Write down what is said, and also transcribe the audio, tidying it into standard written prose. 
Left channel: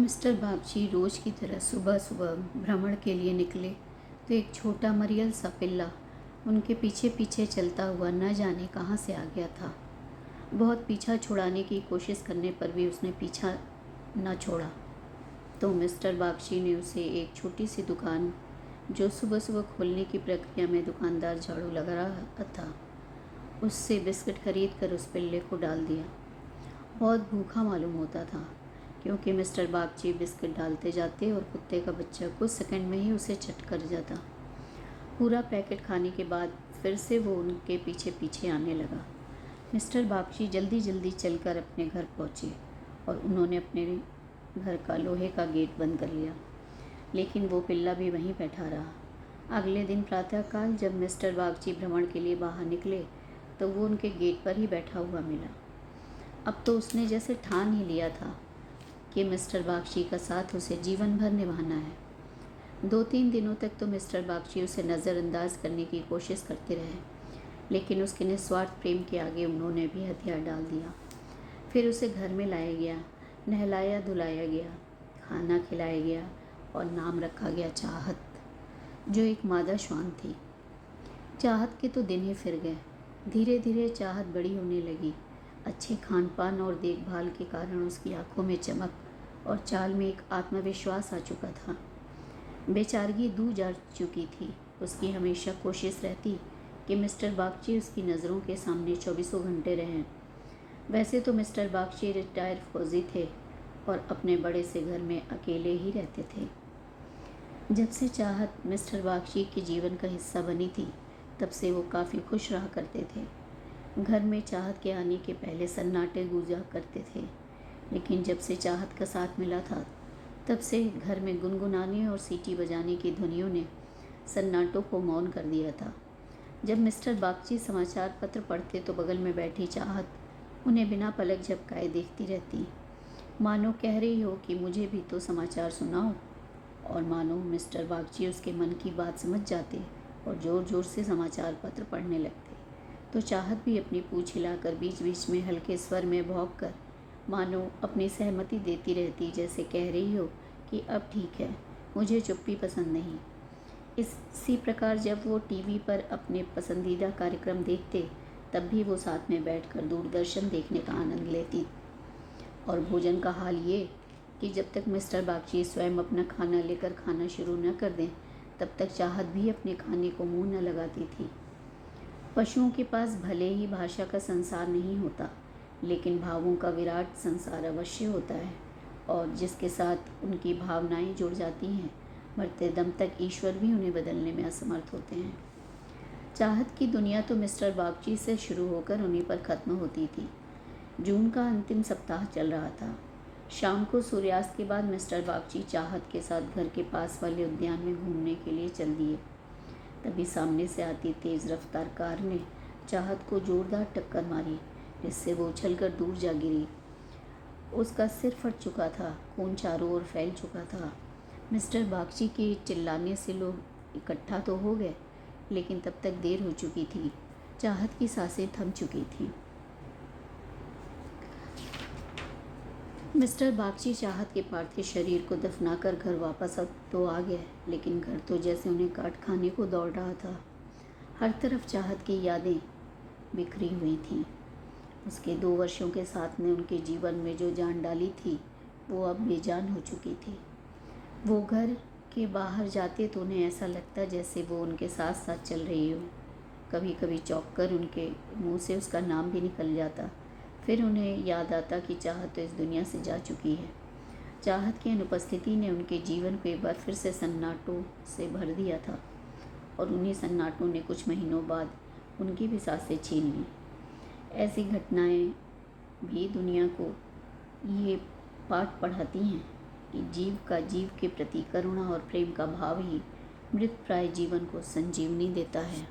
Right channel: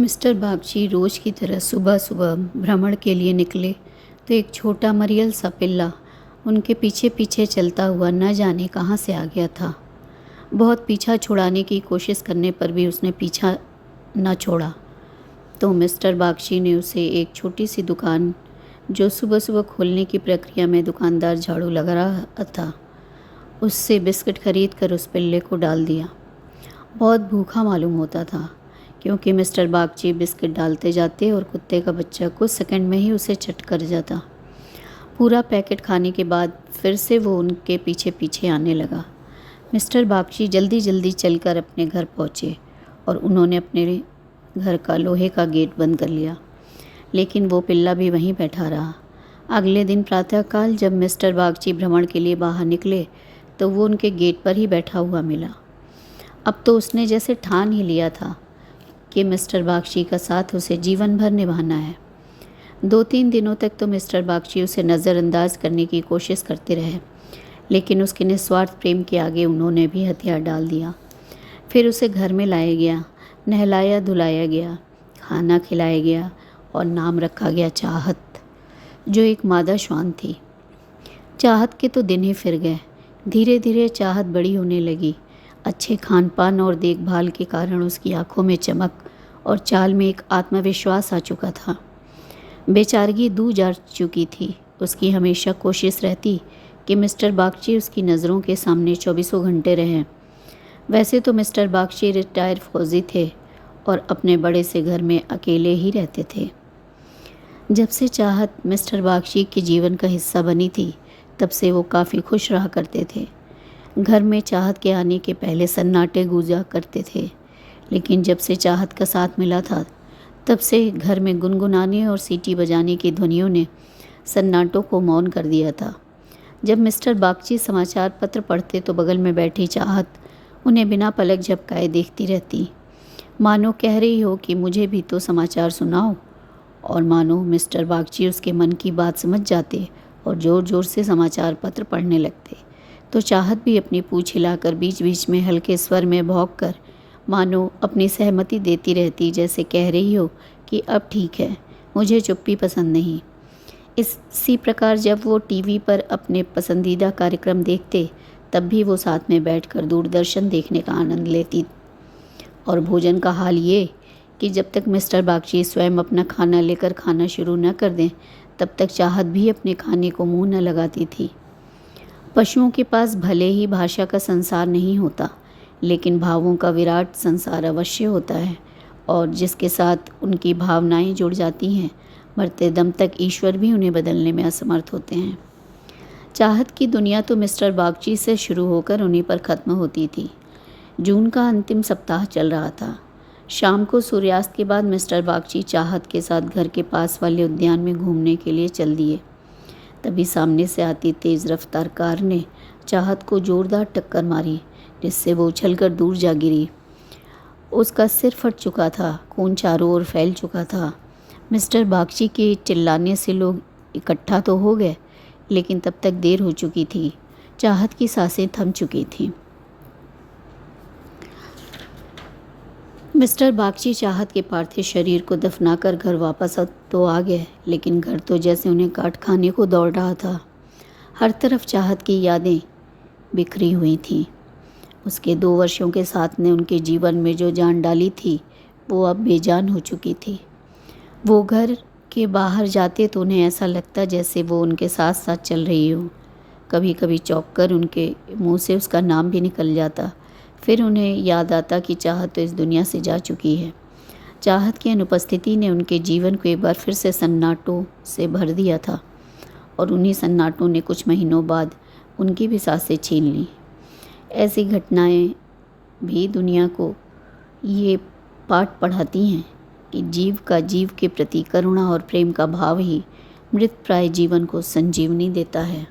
Mister Bagchi रोज की तरह सुबह सुबह भ्रमण के लिए निकले तो एक छोटा मरियल सा पिल्ला उनके पीछे पीछे चलता हुआ न जाने कहाँ से आ गया था। बहुत पीछा छुड़ाने की कोशिश करने पर भी उसने पीछा न छोड़ा। तो मिस्टर बागची ने उसे एक छोटी सी दुकान जो सुबह सुबह खोलने की प्रक्रिया में दुकानदार झाड़ू लगा रहा था, उससे बिस्किट खरीद कर उस पिल्ले को डाल दिया। बहुत भूखा मालूम होता था क्योंकि मिस्टर बागची बिस्किट डालते जाते और कुत्ते का बच्चा कुछ सेकंड में ही उसे चट कर जाता। पूरा पैकेट खाने के बाद फिर से वो उनके पीछे पीछे आने लगा। मिस्टर बागची जल्दी जल्दी चलकर अपने घर पहुँचे और उन्होंने अपने घर का लोहे का गेट बंद कर लिया, लेकिन वो पिल्ला भी वहीं बैठा रहा। अगले दिन प्रातःकाल जब मिस्टर बागची भ्रमण के लिए बाहर निकले तो वो उनके गेट पर ही बैठा हुआ मिला। अब तो उसने जैसे ठान ही लिया था कि मिस्टर बागची का साथ उसे जीवन भर निभाना है। 2-3 दिनों तक तो मिस्टर बागची उसे नज़रअंदाज करने की कोशिश करते रहे, लेकिन उसके निस्वार्थ प्रेम के आगे उन्होंने भी हथियार डाल दिया। फिर उसे घर में लाया गया, नहलाया धुलाया गया, खाना खिलाया गया और नाम रखा गया चाहत, जो एक मादा श्वान थी। चाहत के तो दिन ही फिर गए। धीरे धीरे चाहत बड़ी होने लगी। अच्छे खान पान और देखभाल के कारण उसकी आंखों में चमक और चाल में एक आत्मविश्वास आ चुका था। बेचारगी दूर जा चुकी थी। उसकी हमेशा कोशिश रहती कि मिस्टर बागची उसकी नज़रों के सामने 24 घंटे रहें। वैसे तो मिस्टर बागची रिटायर फौजी थे और अपने बड़े से घर में अकेले ही रहते थे। जब से चाहत मिस्टर बागची के जीवन का हिस्सा बनी थी, तब से वो काफ़ी खुश रहा करते थे। घर में चाहत के आने के पहले सन्नाटे गूंजा करते थे, लेकिन जब से चाहत का साथ मिला था, तब से घर में गुनगुनाने और सीटी बजाने की ध्वनियों ने सन्नाटों को मौन कर दिया था। जब मिस्टर बागची समाचार पत्र पढ़ते तो बगल में बैठी चाहत उन्हें बिना पलक झपकाए देखती रहती, मानो कह रही हो कि मुझे भी तो समाचार सुनाओ। और मानो मिस्टर बागची उसके मन की बात समझ जाते और ज़ोर ज़ोर से समाचार पत्र पढ़ने लगते, तो चाहत भी अपनी पूँछ हिलाकर बीच बीच में हल्के स्वर में भौंक कर मानो अपनी सहमति देती रहती, जैसे कह रही हो कि अब ठीक है, मुझे चुप्पी पसंद नहीं। इसी प्रकार जब वो टीवी पर अपने पसंदीदा कार्यक्रम देखते, तब भी वो साथ में बैठकर दूरदर्शन देखने का आनंद लेती। और भोजन का हाल ये कि जब तक मिस्टर बागची स्वयं अपना खाना लेकर खाना शुरू न कर दें, तब तक चाहत भी अपने खाने को मुंह न लगाती थी। पशुओं के पास भले ही भाषा का संसार नहीं होता, लेकिन भावों का विराट संसार अवश्य होता है, और जिसके साथ उनकी भावनाएं जुड़ जाती हैं, मरते दम तक ईश्वर भी उन्हें बदलने में असमर्थ होते हैं। चाहत की दुनिया तो मिस्टर बागची से शुरू होकर उन्हीं पर ख़त्म होती थी। जून का अंतिम सप्ताह चल रहा था। शाम को सूर्यास्त के बाद मिस्टर बागची चाहत के साथ घर के पास वाले उद्यान में घूमने के लिए चल दिए। तभी सामने से आती तेज़ रफ्तार कार ने चाहत को ज़ोरदार टक्कर मारी, जिससे वो उछलकर दूर जा गिरी। उसका सिर फट चुका था, खून चारों ओर फैल चुका था। मिस्टर बागची के चिल्लाने से लोग इकट्ठा तो हो गए, लेकिन तब तक देर हो चुकी थी। चाहत की सांसें थम चुकी थीं। मिस्टर बागची चाहत के पार्थिव शरीर को दफनाकर घर वापस तो आ गए, लेकिन घर तो जैसे उन्हें काट खाने को दौड़ रहा था। हर तरफ चाहत की यादें बिखरी हुई थीं। उसके 2 वर्षों के साथ ने उनके जीवन में जो जान डाली थी, वो अब बेजान हो चुकी थी। वो घर के बाहर जाते तो उन्हें ऐसा लगता जैसे वो उनके साथ साथ चल रही हो। कभी कभी चौंक कर उनके मुंह से उसका नाम भी निकल जाता। फिर उन्हें याद आता कि चाहत तो इस दुनिया से जा चुकी है। चाहत की अनुपस्थिति ने उनके जीवन को एक बार फिर से सन्नाटों से भर दिया था, और उन्हीं सन्नाटों ने कुछ महीनों बाद उनकी भी सांसें छीन लीं। ऐसी घटनाएं भी दुनिया को ये पाठ पढ़ाती हैं कि जीव का जीव के प्रति करुणा और प्रेम का भाव ही मृतप्राय जीवन को संजीवनी देता है।